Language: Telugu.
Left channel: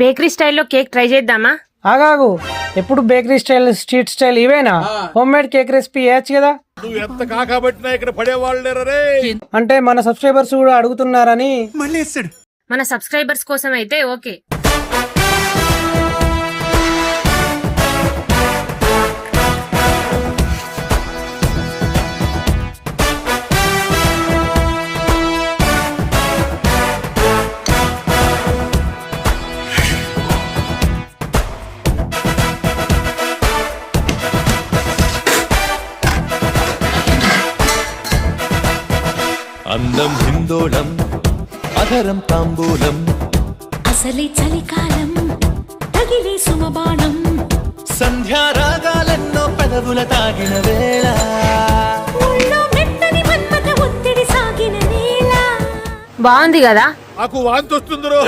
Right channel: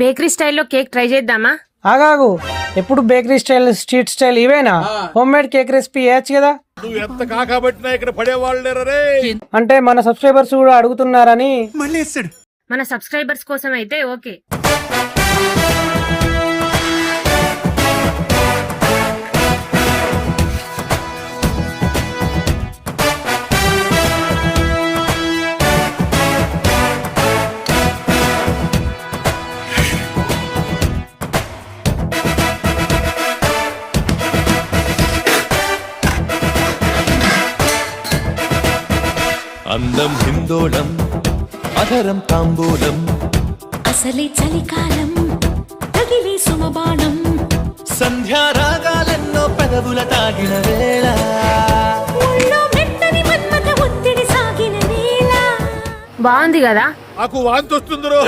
బేకరీ స్టైల్లో కేక్ ట్రై చేద్దామా? ఆగాగు, ఎప్పుడు బేకరీ స్టైల్ స్ట్రీట్ స్టైల్ ఇవేనా? హోమ్ మేడ్ కేక్ రెసిపీ వేయచ్చు కదా. నువ్వు ఎంత కాకబట్టినా ఇక్కడ పడేవాళ్ళు అంటే మన సబ్స్క్రైబర్స్ కూడా అడుగుతున్నారని. మన సబ్స్క్రైబర్స్ కోసం అయితే ఓకే. అందం హిందోళం అధరం తాంబూలం అసలే చలికాలం తగిలే సుమబాణం సంధ్యారాగాలెన్నో పెదవుల తాగిన వేళ ఒళ్ళో మెత్తని మన్మథ ఒత్తిడి సాగిన వేళ. బాగుంది కదా? నాకు వాంతి వస్తుందిరో.